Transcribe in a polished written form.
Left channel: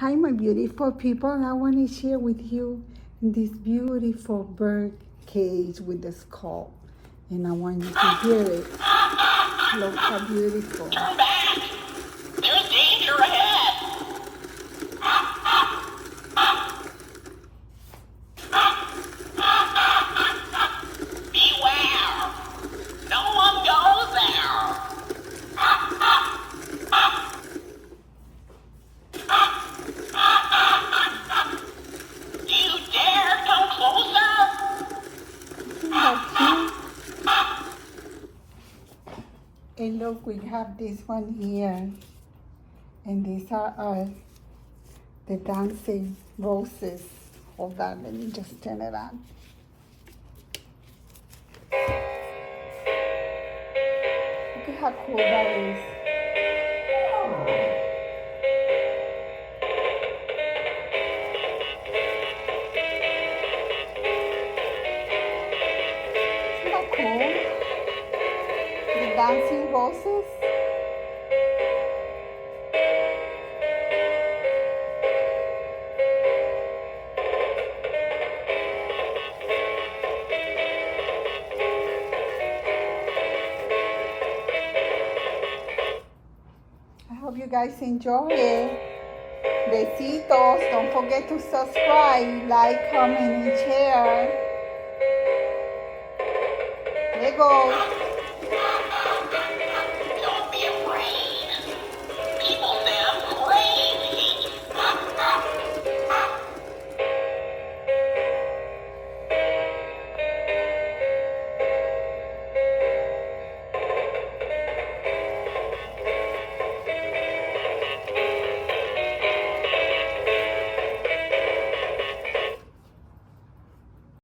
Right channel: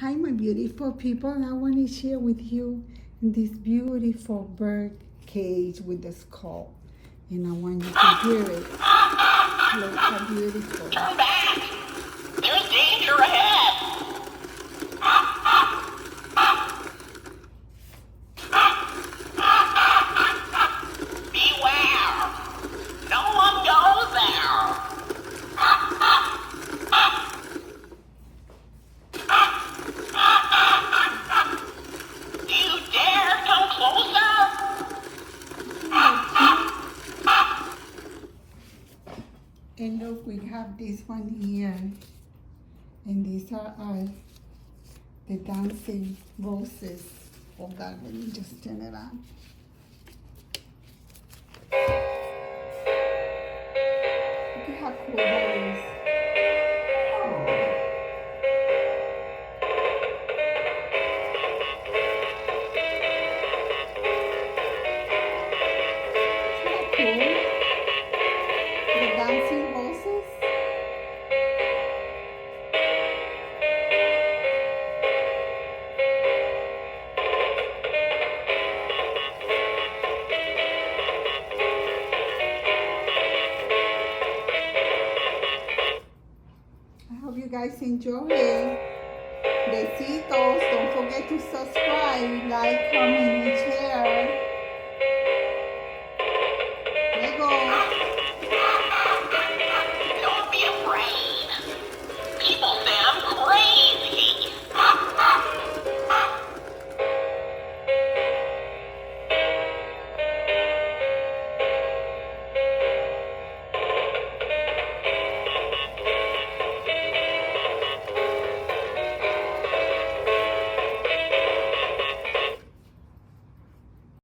Hi, my beautiful people. I want to share with you this beautiful bird cage with the skull. And I want you to hear it. Look how beautiful. Turn back! There's danger ahead! Beware! No one goes there! Do you dare come closer? And look, we have this one here. And these are the dancing roses. Hold on, let me just turn it on. Look at how cool that is. Isn't that cool? The dancing roses. I hope you guys enjoy it. Besitos. Don't forget to subscribe, like, comment, and share. There you go.